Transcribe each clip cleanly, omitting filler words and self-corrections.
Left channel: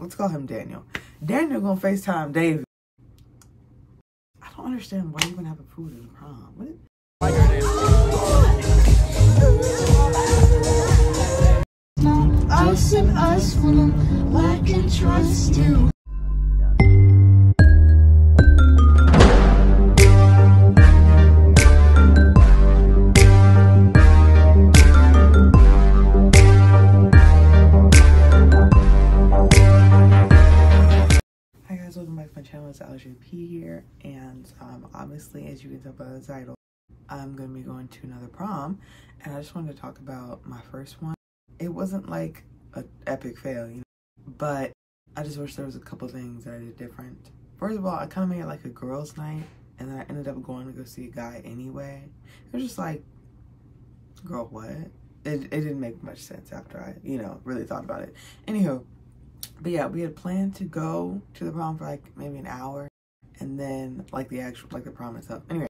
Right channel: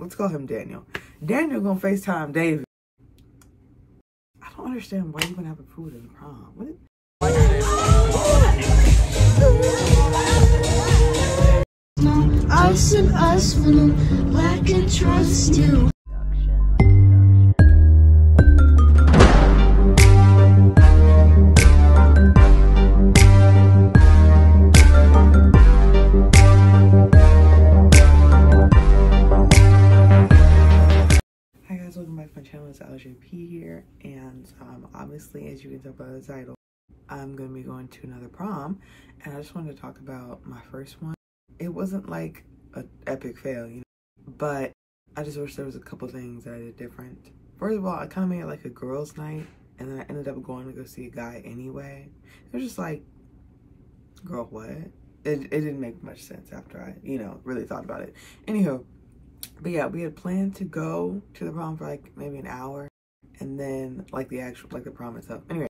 Let's call him Daniel. Daniel gonna FaceTime David. I don't understand why you gonna have a food in the prom. What? Us and us when I'm black and trust you. Hi guys, welcome back to my channel. It's LJP here, and obviously, as you can tell by the title, I'm gonna be going to another prom, and I just wanted to talk about my first one. It wasn't like an epic fail, you know, but I just wish there was a couple things that I did different. First of all, I kind of made it like a girls' night, and then I ended up going to go see a guy anyway. It was just like, girl, what? It didn't make much sense after I, you know, really thought about it. Anywho, but yeah, we had planned to go to the prom for like maybe an hour, and then like the prom itself. Anyway,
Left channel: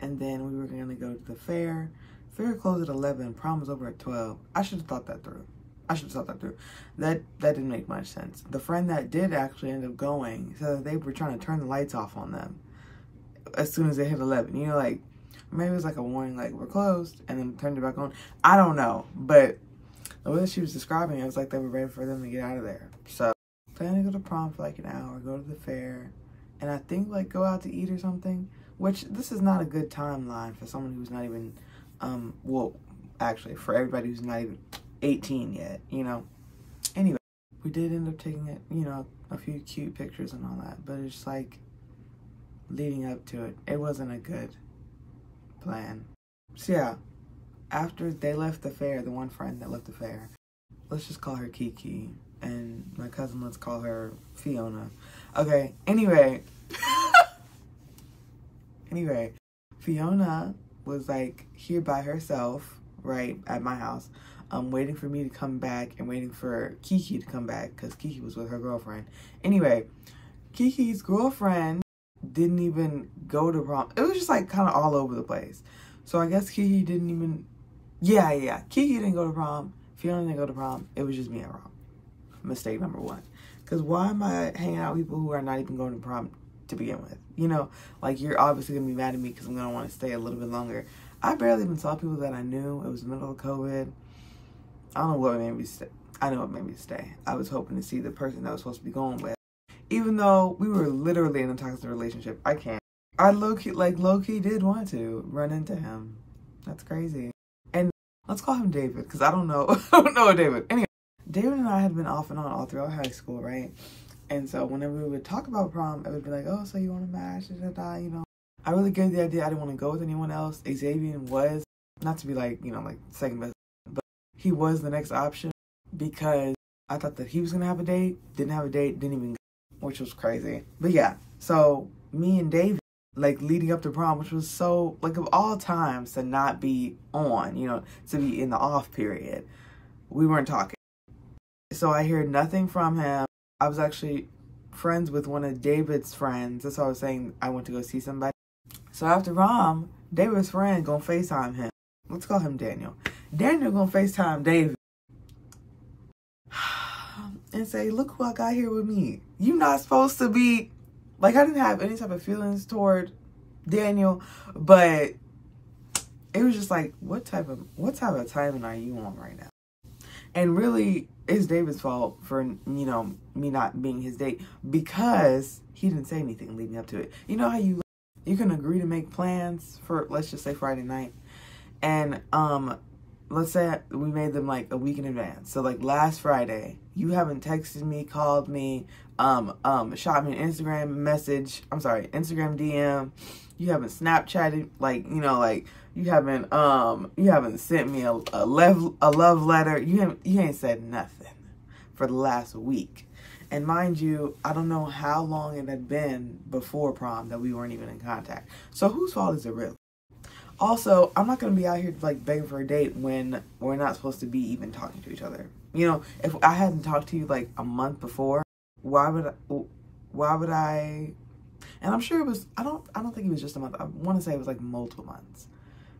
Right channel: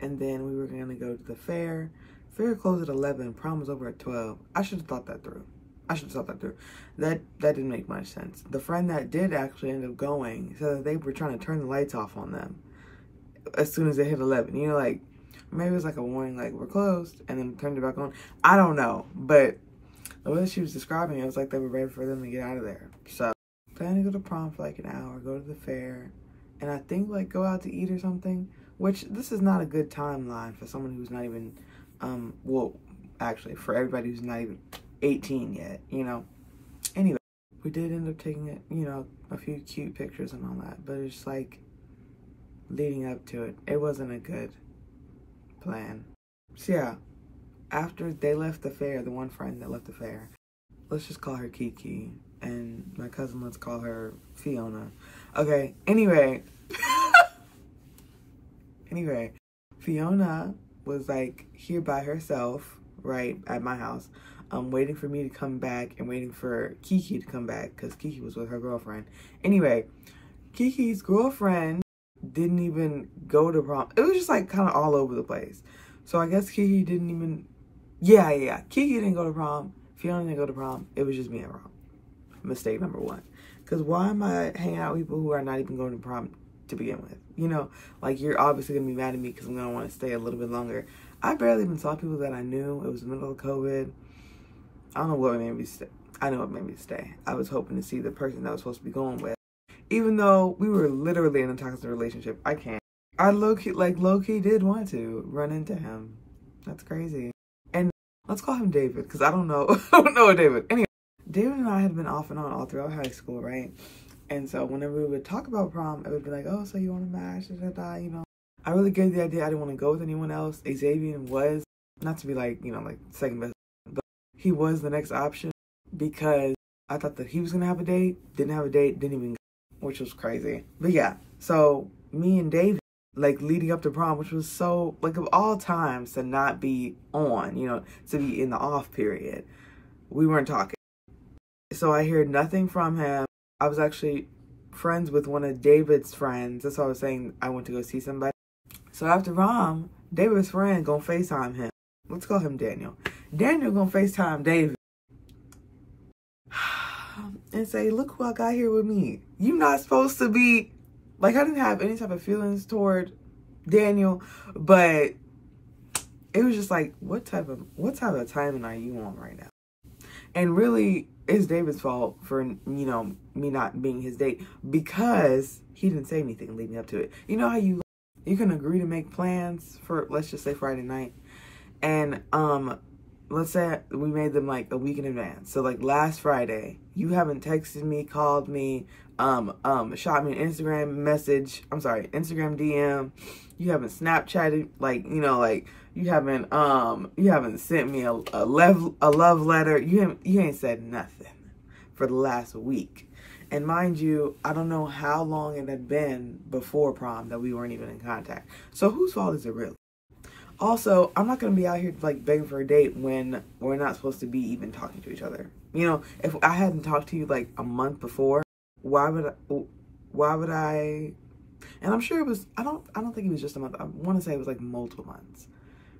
and then we were gonna go to the fair. Fair closed at 11, prom was over at 12. I should have thought that through. That didn't make much sense. The friend that did actually end up going said that they were trying to turn the lights off on them as soon as they hit 11. You know, like, maybe it was like a warning, like, we're closed, and then turned it back on. I don't know, but the way she was describing it was like they were ready for them to get out of there. So, plan to go to prom for like an hour, go to the fair, and I think like go out to eat or something, which this is not a good timeline for someone who's not even, well, actually for everybody who's not even 18 yet, you know. Anyway, we did end up taking it, you know, a few cute pictures and all that, but it's like leading up to it, it wasn't a good plan. So yeah, after they left the fair, the one friend that left the fair, let's just call her Kiki, and my cousin, let's call her Fiona. Okay, anyway, Fiona was like here by herself, right, at my house, waiting for me to come back and waiting for Kiki to come back because Kiki was with her girlfriend. Anyway, Kiki's girlfriend didn't even go to prom. It was just like kind of all over the place. So I guess Kiki didn't even, yeah. Kiki didn't go to prom. Fiona didn't go to prom. It was just me at prom. Mistake number one. Because why am I hanging out with people who are not even going to prom to begin with? You know, like, you're obviously going to be mad at me because I'm going to want to stay a little bit longer. I barely even saw people that I knew. It was the middle of COVID. I don't know what made me stay. I know what made me stay. I was hoping to see the person that I was supposed to be going with. Even though we were literally in a toxic relationship, I can't. I low-key did want to run into him. That's crazy. And let's call him David, because I don't know. I don't know David. Anyway, David and I had been off and on all throughout high school, right? And so whenever we would talk about prom, it would be like, oh, so you want to match, you know. I really gave the idea I didn't want to go with anyone else. Xavien was, not to be like, you know, like second best, but he was the next option because I thought that he was going to have a date, didn't have a date, didn't even go, which was crazy. But yeah, so me and David, like leading up to prom, which was so, like, of all times to not be on, you know, to be in the off period, we weren't talking. So I heard nothing from him. I was actually friends with one of David's friends. That's why I was saying I went to go see somebody. So after prom, David's friend gonna FaceTime him. Let's call him Daniel. Daniel gonna FaceTime David and say, look who I got here with me. You're not supposed to be, like, I didn't have any type of feelings toward Daniel, but it was just like, what type of timing are you on right now? And really, it's David's fault for, you know, me not being his date because he didn't say anything leading up to it. You know how you can agree to make plans for, let's just say, Friday night, and let's say we made them like a week in advance. So like last Friday, you haven't texted me, called me, shot me an Instagram DM. You haven't Snapchatted, like, you know, like, you haven't sent me a love letter. You ain't said nothing for the last week. And mind you, I don't know how long it had been before prom that we weren't even in contact. So whose fault is it really? Also, I'm not going to be out here like begging for a date when we're not supposed to be even talking to each other. You know, if I hadn't talked to you like a month before, why would I? And I'm sure it was, I don't think it was just a month. I want to say it was like multiple months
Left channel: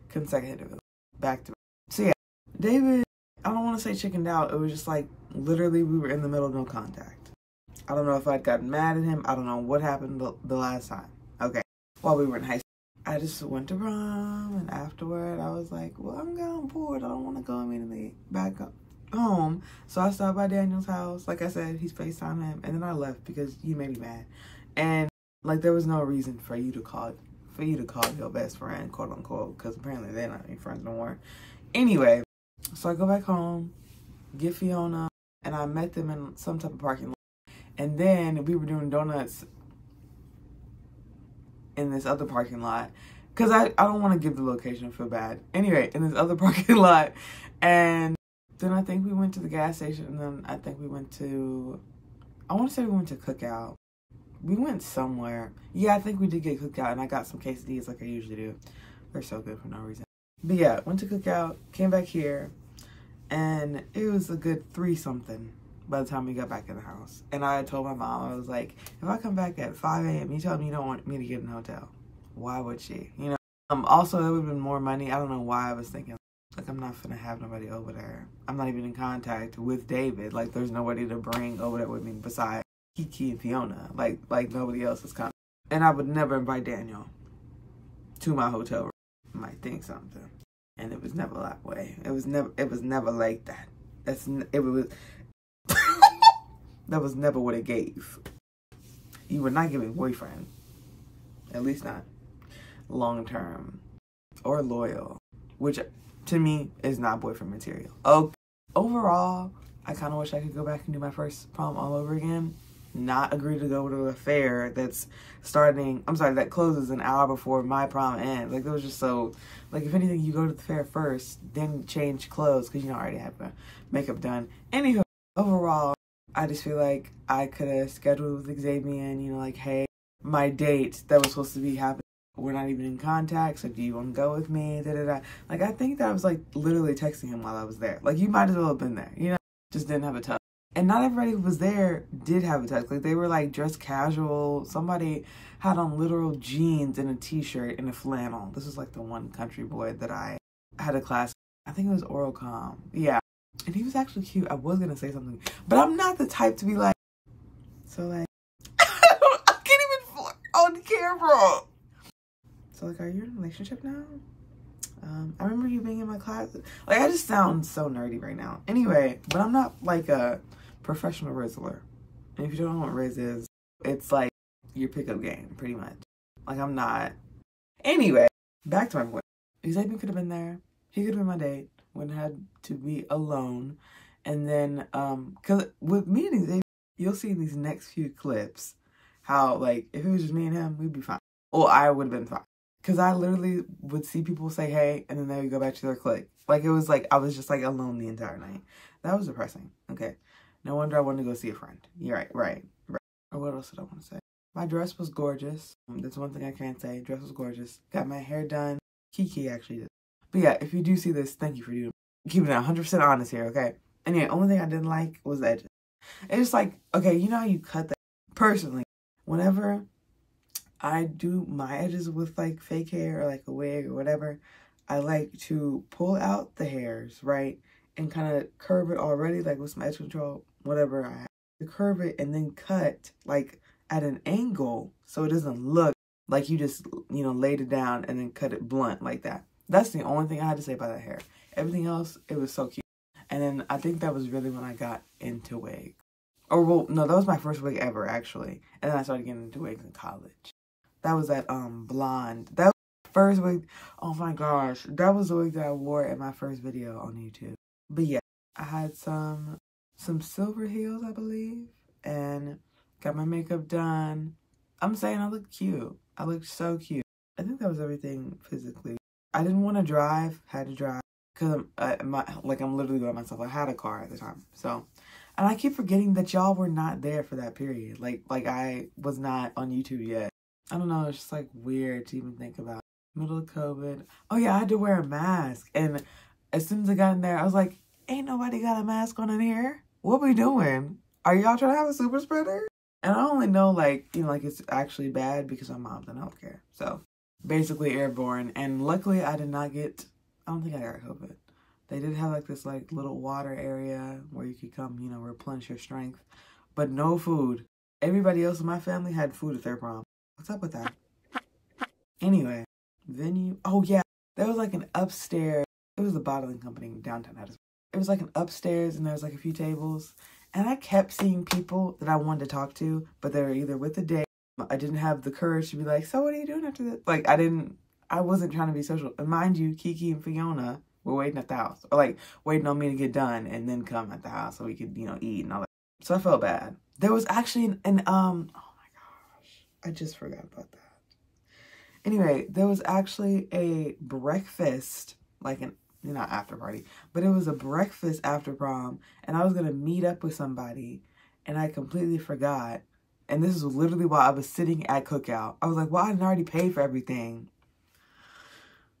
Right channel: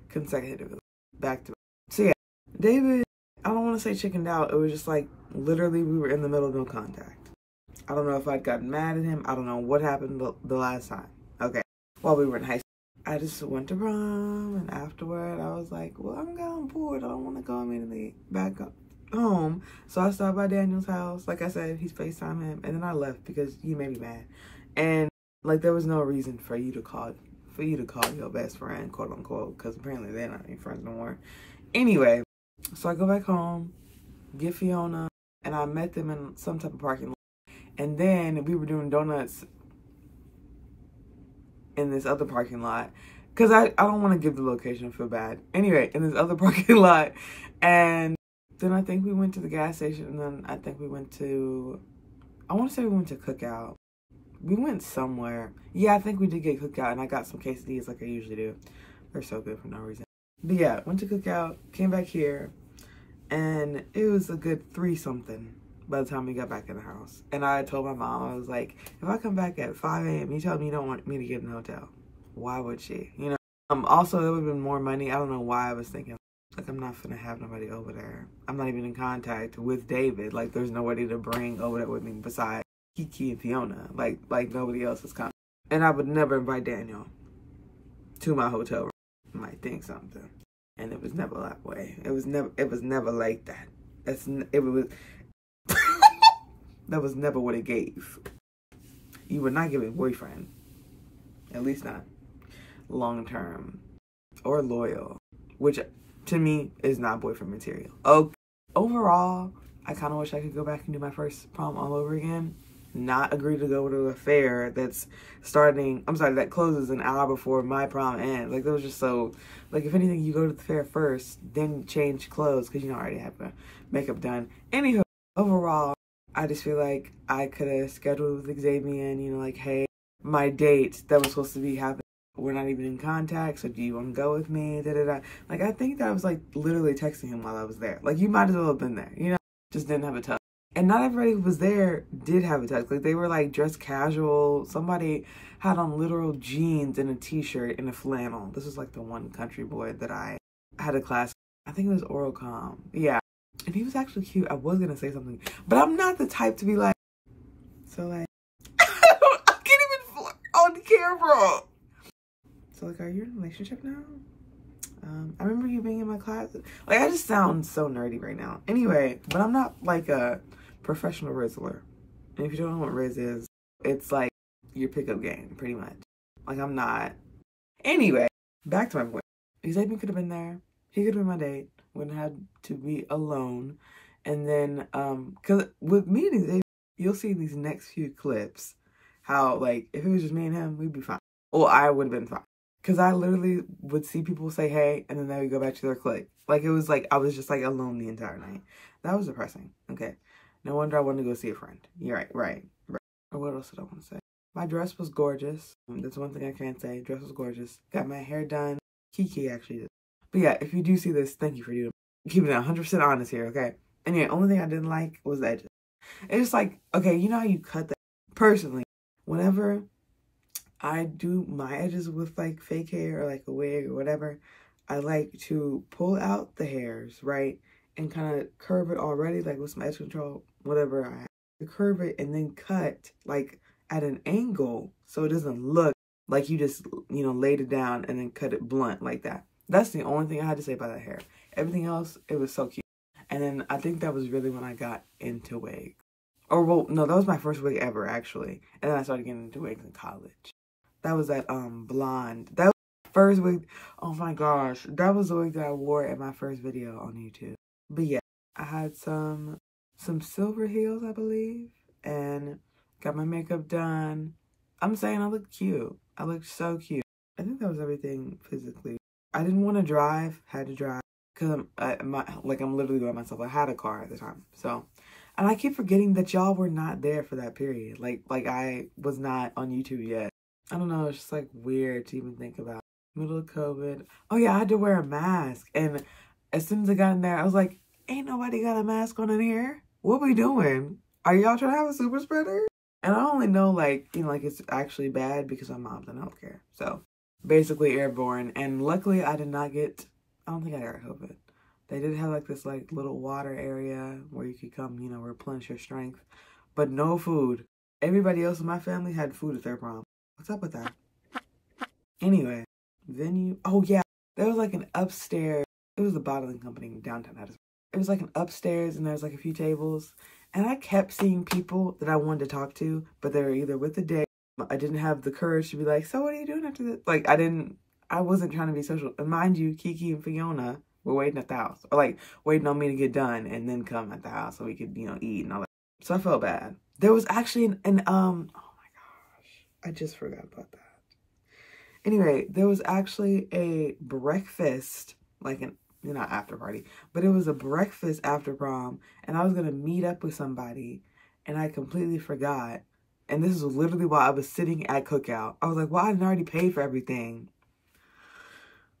consecutively, back to back. So yeah, David, I don't want to say chickened out. It was just like, literally we were in the middle of no contact. I don't know if I'd gotten mad at him. I don't know what happened the last time. Okay. While we were in high school. I just went to prom, and afterward I was like, well, I'm kind of bored. I don't want to go immediately back home. So I stopped by Daniel's house. Like I said, he's FaceTime him, and then I left because he made me mad. And like there was no reason for you to call your best friend, quote unquote, because apparently they're not any friends no more. Anyway, so I go back home, get Fiona, and I met them in some type of parking lot. And then we were doing donuts in this other parking lot, because I don't want to give the location, I feel bad. Anyway, in this other parking lot, and then I think we went to the gas station, and then I think we went to, I want to say we went to Cookout. We went somewhere. Yeah, I think we did get Cookout, and I got some quesadillas like I usually do. They're so good for no reason. But yeah, went to Cookout, came back here, and it was a good 3-something by the time we got back in the house. And I told my mom, I was like, if I come back at 5 a.m., you tell me you don't want me to get in the hotel. Why would she? You know? Also, it would have been more money. I don't know why I was thinking, like, I'm not gonna have nobody over there. I'm not even in contact with David. Like, there's nobody to bring over there with me besides Kiki and Fiona. Like nobody else is coming. And I would never invite Daniel to my hotel room. I might think something. And it was never that way. It was never like that. That was never what it gave. You would not give a boyfriend. At least not long term or loyal. Which to me is not boyfriend material. Okay. Overall, I kind of wish I could go back and do my first prom all over again. Not agree to go to a fair that's that closes an hour before my prom ends. Like, that was just so, like, if anything, you go to the fair first, then change clothes, because you know I already have makeup done. Anywho, overall, I just feel like I could have scheduled with Xavien, you know, like, hey, my date that was supposed to be happening, we're not even in contact, so do you want to go with me, da-da-da. Like, I think that I was, like, literally texting him while I was there. Like, you might as well have been there, you know, just didn't have a touch. And not everybody who was there did have a tux. Like, they were, like, dressed casual. Somebody had on literal jeans and a t-shirt and a flannel. This was, like, the one country boy that I had a class. I think it was oral comm. Yeah. And he was actually cute. I was going to say something. But I'm not the type to be like, so, like, I can't even flirt on camera. So, like, are you in a relationship now? I remember you being in my class. Like, I just sound so nerdy right now. Anyway, but I'm not, like, a professional Rizzler. And if you don't know what Riz is, it's like your pickup game, pretty much. Like, I'm not. Anyway, back to my point. Xavien could have been there. He could have been my date. Wouldn't have had to be alone. And then, because with me and Xavien, you'll see these next few clips how, like, if it was just me and him, we'd be fine. Well, I would have been fine. Because I literally would see people say, hey, and then they would go back to their clique. Like, it was like, I was just, like, alone the entire night. That was depressing. Okay. No wonder I wanted to go see a friend. You're right. Or what else did I want to say? My dress was gorgeous. That's one thing I can't say. Dress was gorgeous. Got my hair done. Kiki actually did. But yeah, if you do see this, thank you for keeping it 100% honest here, okay? And yeah, only thing I didn't like was the edges. It's like, okay, you know how you cut that? Personally, whenever I do my edges with, like, fake hair or, like, a wig or whatever, I like to pull out the hairs, right? And kind of curve it already, like, with some edge control, whatever I have. To curve it and then cut, like, at an angle so it doesn't look like you just, you know, laid it down and then cut it blunt like that. That's the only thing I had to say about that hair. Everything else, it was so cute. And then I think that was really when I got into wigs. Or, well, no, that was my first wig ever, actually. And then I started getting into wigs in college. That was that blonde. That was the first wig. Oh my gosh. That was the wig that I wore in my first video on YouTube. But yeah, I had some silver heels, I believe. And got my makeup done. I'm saying I look cute. I look so cute. I think that was everything physically. I didn't want to drive. Had to drive. Because I'm literally by myself. I had a car at the time. So, and I keep forgetting that y'all were not there for that period. Like I was not on YouTube yet. I don't know, it's just, like, weird to even think about. Middle of COVID. Oh, yeah, I had to wear a mask. And as soon as I got in there, I was like, ain't nobody got a mask on in here. What we doing? Are y'all trying to have a super spreader? And I only know, like, you know, like, it's actually bad because my mom's in healthcare. So, basically airborne. And luckily, I did not get, I don't think I got COVID. They did have, like, this, like, little water area where you could come, you know, replenish your strength. But no food. Everybody else in my family had food at their prom. What's up with that? Anyway, venue. Oh yeah, there was like an upstairs. It was a bottling company in downtown Addison. It was like an upstairs and there was like a few tables. And I kept seeing people that I wanted to talk to, but they were either with the date. I didn't have the courage to be like, so what are you doing after this? Like, I wasn't trying to be social. And mind you, Kiki and Fiona were waiting at the house. Or like, waiting on me to get done and then come at the house so we could, you know, eat and all that. So I felt bad. There was actually oh my gosh, I just forgot about that. Anyway, there was actually a breakfast, like not after party, but it was a breakfast after prom, and I was gonna meet up with somebody, and I completely forgot. And this is literally while I was sitting at cookout. I was like, well, I didn't already pay for everything.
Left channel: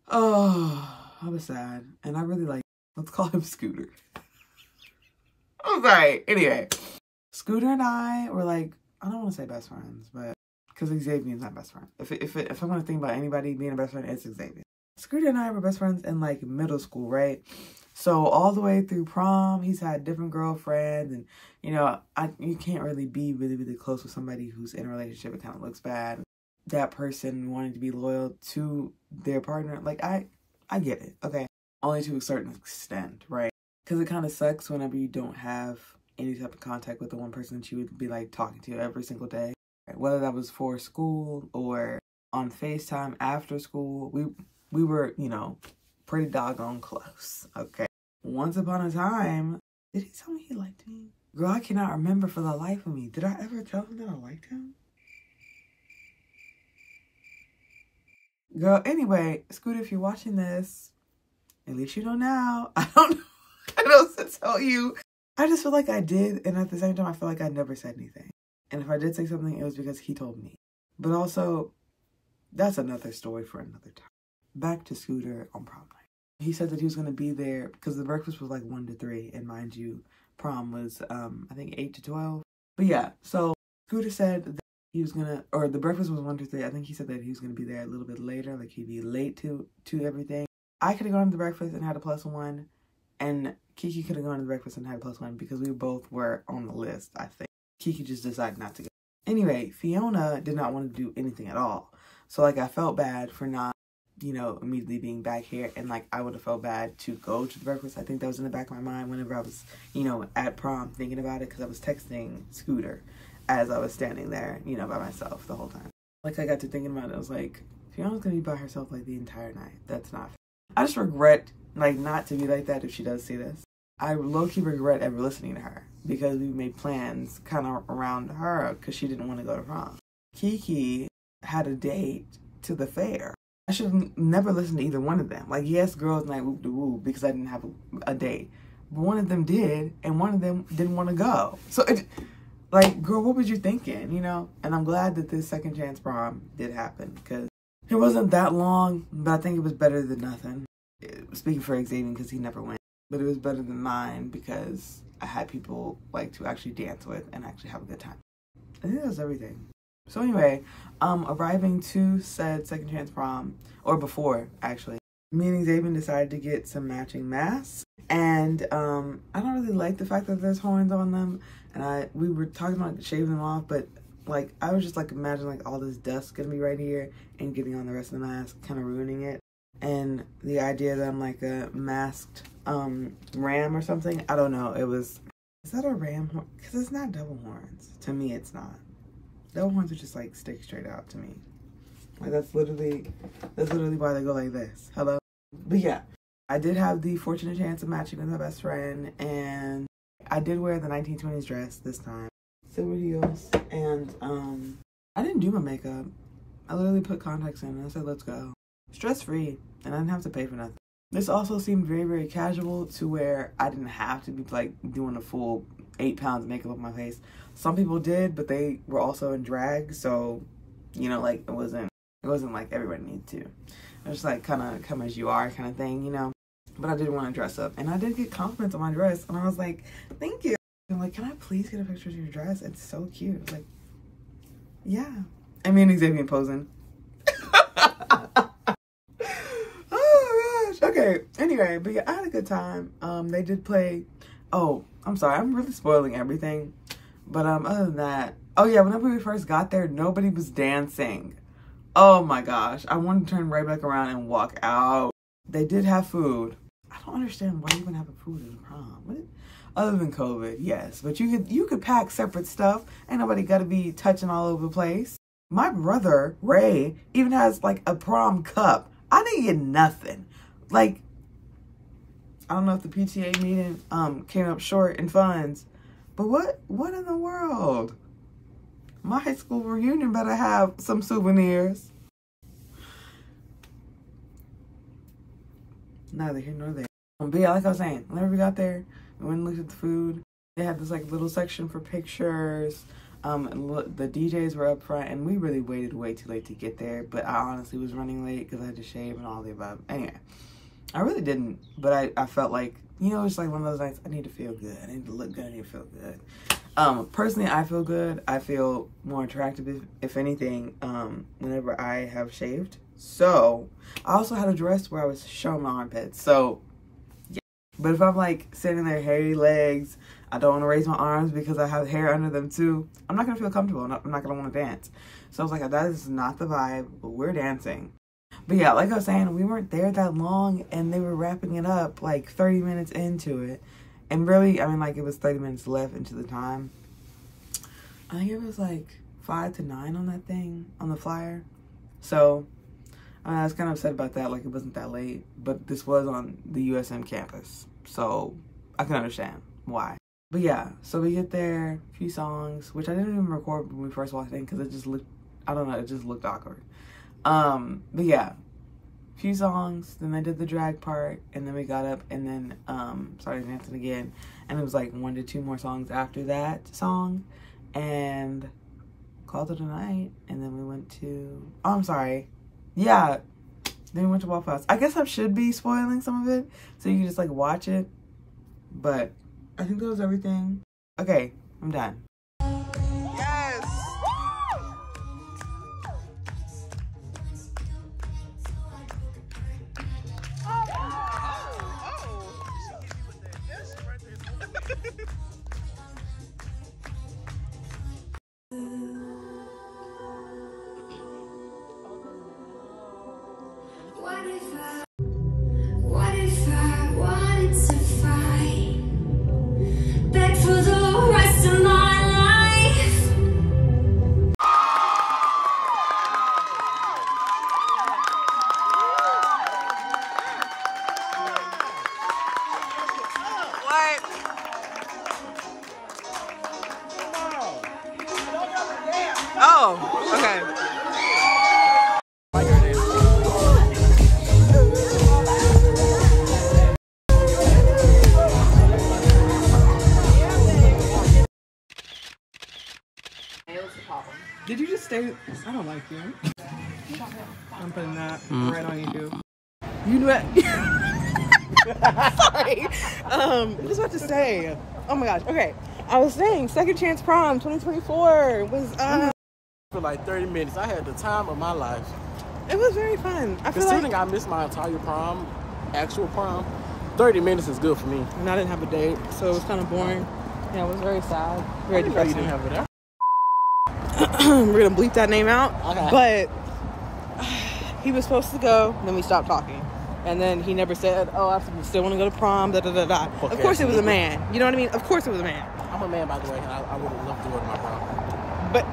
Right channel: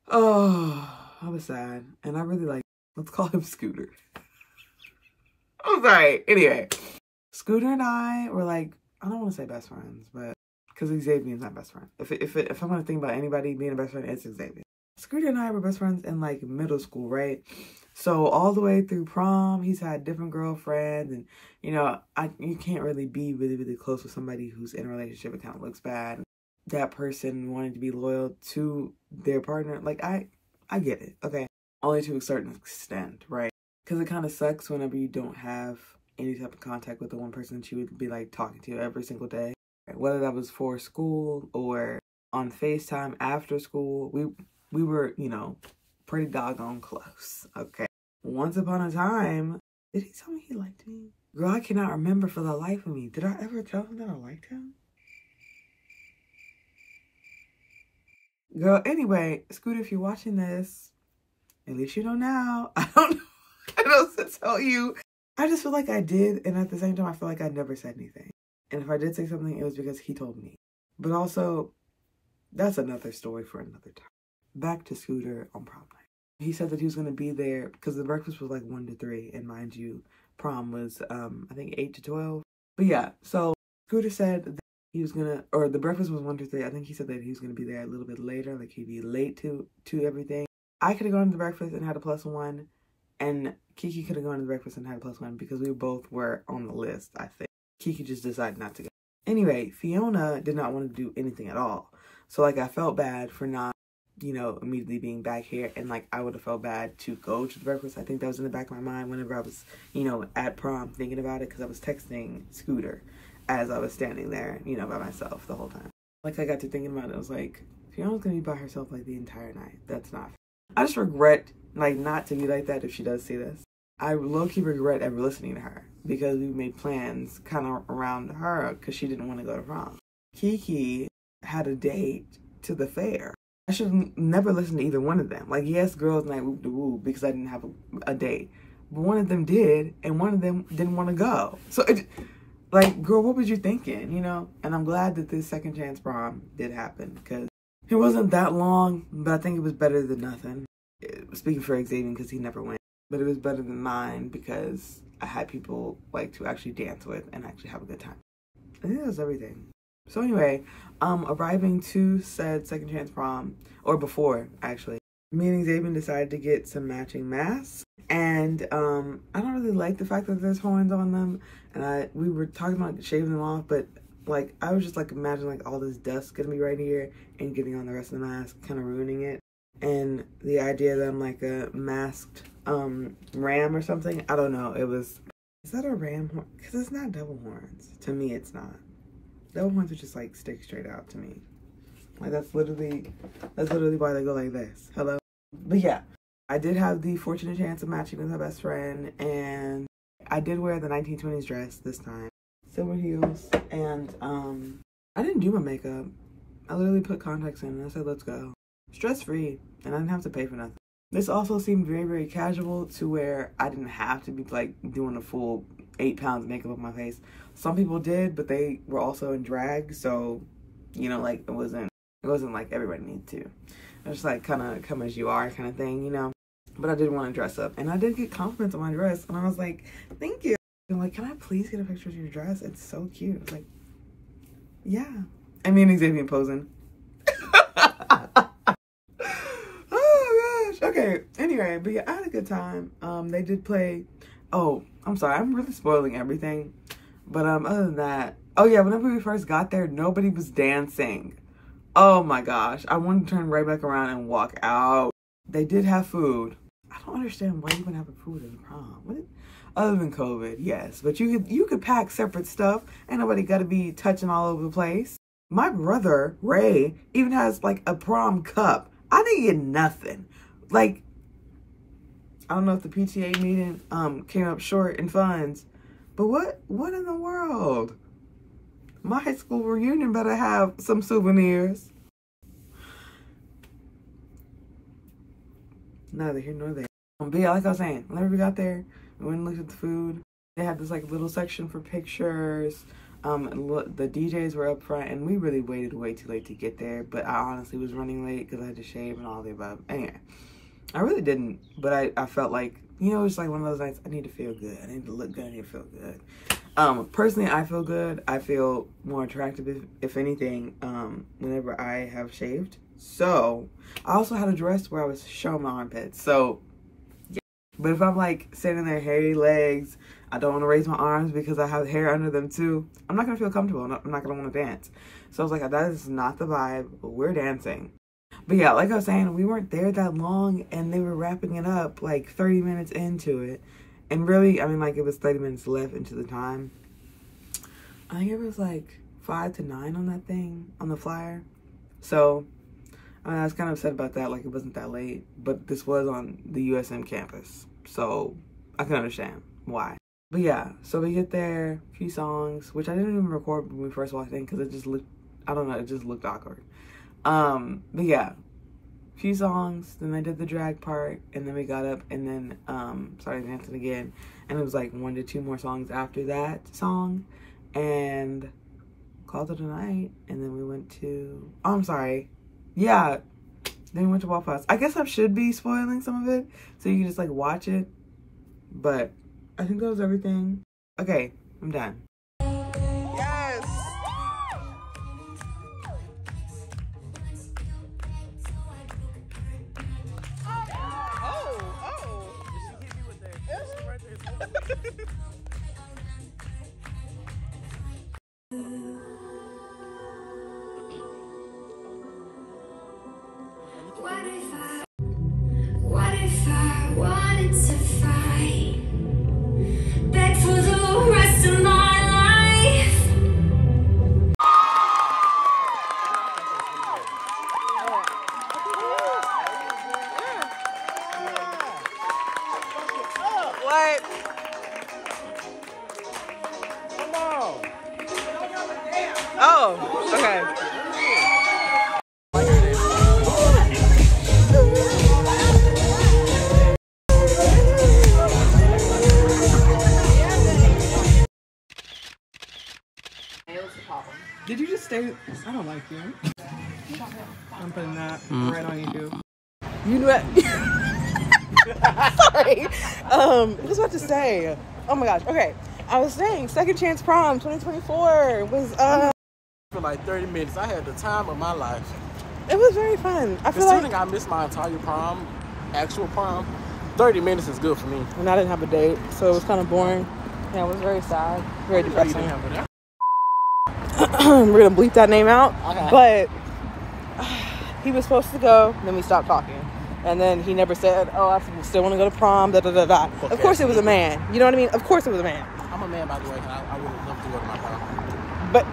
Oh, I was sad, and I really like, let's call him Scooter. I'm sorry. Anyway, Scooter and I were like, I don't want to say best friends, but because Xavien's not best friend. If I'm gonna think about anybody being a best friend, it's Xavien. Scooter and I were best friends in like middle school, right? So all the way through prom, he's had different girlfriends, and you know, you can't really be really, really close with somebody who's in a relationship. It kind of looks bad. That person wanting to be loyal to their partner, like I get it, okay? Only to a certain extent, right? Because it kind of sucks whenever you don't have any type of contact with the one person that you would be like talking to every single day. Whether that was for school or on FaceTime after school, we were, you know, pretty doggone close, okay? Once upon a time, did he tell me he liked me? Girl, I cannot remember for the life of me. Did I ever tell him that I liked him? Girl, anyway, Scooter, if you're watching this, at least you know now. I don't know what else to tell you. I just feel like I did, and at the same time, I feel like I never said anything. And if I did say something, it was because he told me. But also, that's another story for another time. Back to Scooter on prom night. He said that he was going to be there because the breakfast was like 1 to 3. And mind you, prom was, I think 8 to 12. But yeah, so Scooter said that he was going to, or the breakfast was 1 to 3. I think he said that he was going to be there a little bit later. Like he'd be late to everything. I could have gone to the breakfast and had a +1. And Kiki could have gone to the breakfast and had a +1 because we both were on the list, I think. Kiki just decided not to go. Anyway, Fiona did not want to do anything at all. So, like, I felt bad for not, you know, immediately being back here. And, like, I would have felt bad to go to the breakfast. I think that was in the back of my mind whenever I was, you know, at prom thinking about it. Because I was texting Scooter as I was standing there, you know, by myself the whole time. Like, I got to thinking about it. I was like, Fiona's going to be by herself, like, the entire night. That's not fair. I just regret, like, not to be like that if she does see this. I low-key regret ever listening to her because we made plans kind of around her because she didn't want to go to prom. Kiki had a date to the fair. I should never listen to either one of them. Like, yes, girls night whoop de woo because I didn't have a date. But one of them did, and one of them didn't want to go. So, like, girl, what was you thinking, you know? And I'm glad that this Second Chance Prom did happen because it wasn't that long, but I think it was better than nothing. Speaking for Xavien because he never went. But it was better than mine because I had people like to actually dance with and actually have a good time. I think that was everything. So anyway, arriving to said Second Chance Prom, or before actually, me and Xavien decided to get some matching masks. And I don't really like the fact that there's horns on them. And we were talking about shaving them off, but like I was just like imagining like all this dust gonna be right here and getting on the rest of the mask, kind of ruining it. And the idea that I'm like a masked ram or something, I don't know. Is that a ram horn? Because it's not double horns. To me, it's not. Double horns are just like stick straight out to me. Like that's literally why they go like this. Hello? But yeah, I did have the fortunate chance of matching with my best friend, and I did wear the 1920s dress this time. Silver heels, and I didn't do my makeup. I literally put contacts in and I said, let's go. Stress-free, and I didn't have to pay for nothing. This also seemed very, very casual to where I didn't have to be like doing a full 8 pounds of makeup on my face. Some people did, but they were also in drag, so you know, like it wasn't like everybody needed to. It was like kind of come as you are kind of thing, you know. But I did want to dress up, and I did get compliments on my dress, and I was like, thank you. I'm like, can I please get a picture of your dress? It's so cute. I was like, yeah. I mean, Xavien posing. Okay, anyway, but yeah, I had a good time. They did play, oh, I'm sorry, I'm really spoiling everything. But other than that, Oh yeah, whenever we first got there, nobody was dancing. Oh my gosh. I wanted to turn right back around and walk out. They did have food. I don't understand why you wouldn't have food at a prom. Other than COVID, yes. But you could pack separate stuff. Ain't nobody gotta be touching all over the place. My brother, Ray, even has like a prom cup. I didn't get nothing. Like, I don't know if the PTA meeting came up short in funds. But what in the world? My high school reunion better have some souvenirs. Neither here nor there. But yeah, like I was saying, whenever we got there, we went and looked at the food. They had this like little section for pictures. The DJs were up front, and we really waited way too late to get there. But I honestly was running late because I had to shave and all the above. Anyway, I really didn't, but I felt like, you know, it's like one of those nights, I need to feel good. I need to look good. I need to feel good. Personally, I feel good. I feel more attractive, if anything, whenever I have shaved. So, I also had a dress where I was showing my armpits. So, yeah. But if I'm like sitting there, hairy legs, I don't want to raise my arms because I have hair under them too, I'm not going to feel comfortable. I'm not going to want to dance. So, I was like, that is not the vibe, but we're dancing. But yeah, like I was saying, we weren't there that long, and they were wrapping it up like 30 minutes into it. And really, I mean, like, it was 30 minutes left into the time. I think it was like 5 to 9 on that thing, on the flyer. So, I was kind of upset about that, like it wasn't that late. But this was on the USM campus, so I can understand why. But yeah, so we get there, a few songs, which I didn't even record when we first walked in because it just looked, I don't know, it just looked awkward. But yeah, few songs, then they did the drag part, and then we got up and then started dancing again, and it was like 1 to 2 more songs after that song, and called it a night. And then we went to, oh, I'm sorry, yeah, then we went to Waffle House. I guess I should be spoiling some of it so you can just like watch it, but I think that was everything. Okay, I'm done. Yes. What if I wanted to fight? Beg for the rest of my life. What? Oh, okay. Did you just stay? I don't like you. I'm putting that right on you, dude. You knew that. Sorry. What was I about to say? Oh my gosh. Okay. I was saying Second Chance Prom 2024 was for like 30 minutes. I had the time of my life. It was very fun. I feel like I missed my entire prom, actual prom. 30 minutes is good for me. And I didn't have a date, so it was kind of boring. Yeah, it was very sad, very depressing. We're gonna bleep that name out, but he was supposed to go, and then we stopped talking, and then he never said, "Oh, I still want to go to prom." Da da da da. Of course, it was a man. You know what I mean? Of course, it was a man. I'm a man, by the way, and I would have loved to go to my prom. But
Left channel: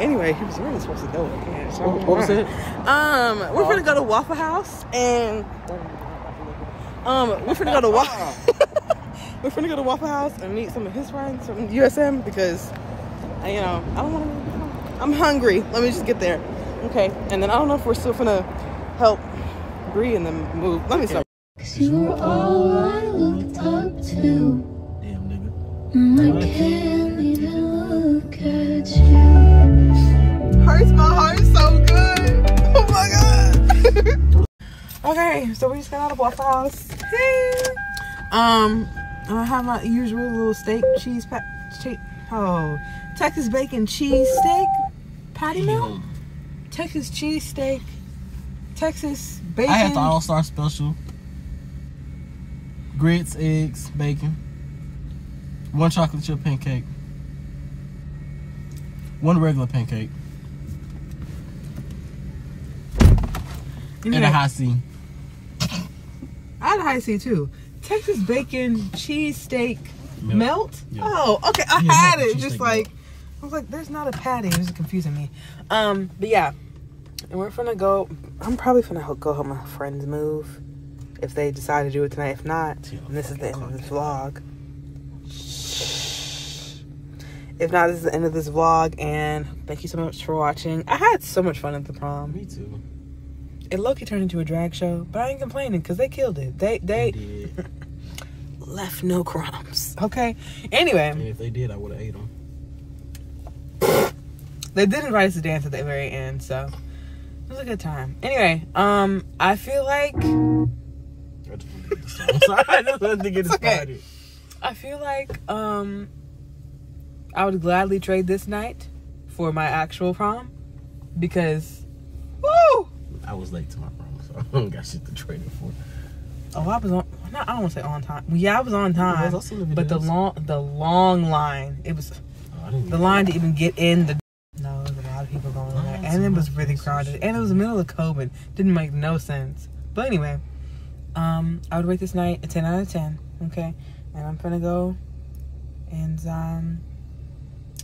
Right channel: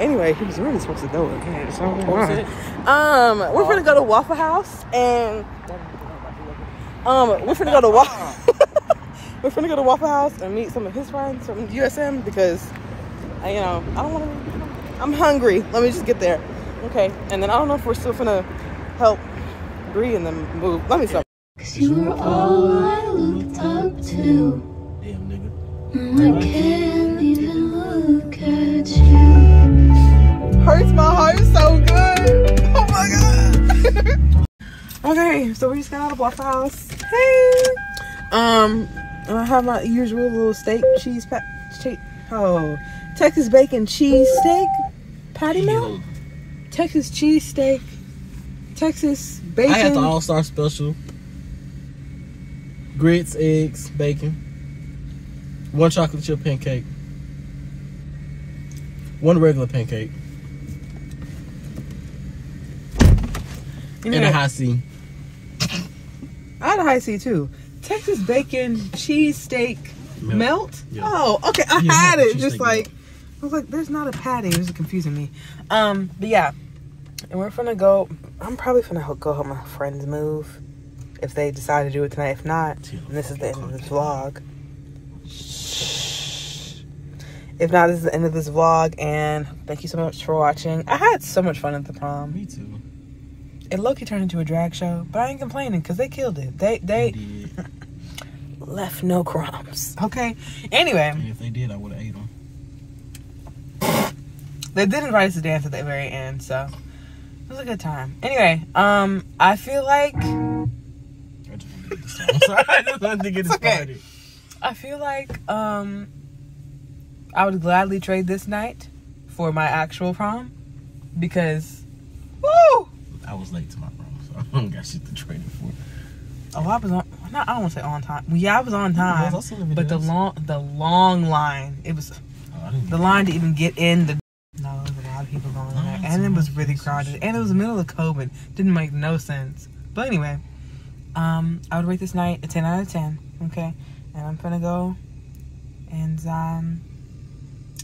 anyway, he was really supposed to go. So, what was it? We're gonna go to Waffle House, and we're gonna go to we're gonna go to Waffle House and meet some of his friends from USM because. I don't want to. I'm hungry. Let me just get there. Okay, and then I don't know if we're still gonna help Bree and them move. Let me stop. 'Cause you were all I looked up to. And I can't even look at you. Hurts my heart so good. Oh my god. Okay, so we just got out of Waffle House. Hey. I have my usual little steak, cheese, Texas bacon cheese steak patty melt. Texas cheese steak. Texas bacon. I had the all-star special. Grits, eggs, bacon. 1 chocolate chip pancake. 1 regular pancake. And a high C. I had a high C too. Texas bacon cheesesteak melt. Yeah. Oh, okay. I had it. Just like, I was like, there's not a patty. It was confusing me. But yeah. And we're gonna go. I'm probably gonna go help my friends move if they decide to do it tonight. If not, and this is the end of this vlog. If not, this is the end of this vlog. And thank you so much for watching. I had so much fun at the prom. Me too. It low-key turned into a drag show, but I ain't complaining because they killed it. They left no crumbs. Okay. Anyway. And if they did, I would have ate them. They did invite us to dance at the very end, so it was a good time. Anyway, I feel like I just wanted to get started. I feel like I would gladly trade this night for my actual prom because woo! I was late to my prom, so I don't got shit to trade it for. Oh, I was on. I don't want to say on time. Well, yeah, I was on time, but the long line. It was the line to even get in. No, there was a lot of people going in there, and it was really crowded, and it was the middle of COVID. Didn't make no sense. But anyway, I would rate this night a 10 out of 10. Okay, and I'm gonna go, and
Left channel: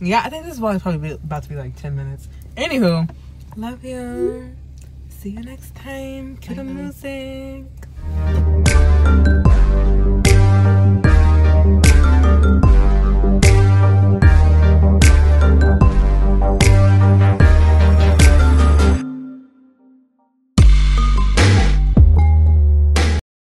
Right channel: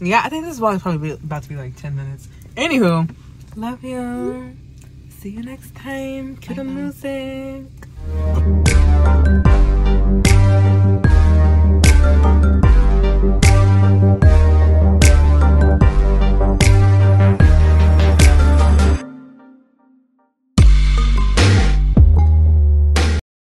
yeah, I think this vlog is probably about to be like 10 minutes. Anywho, love you. See you next time. Cue the music.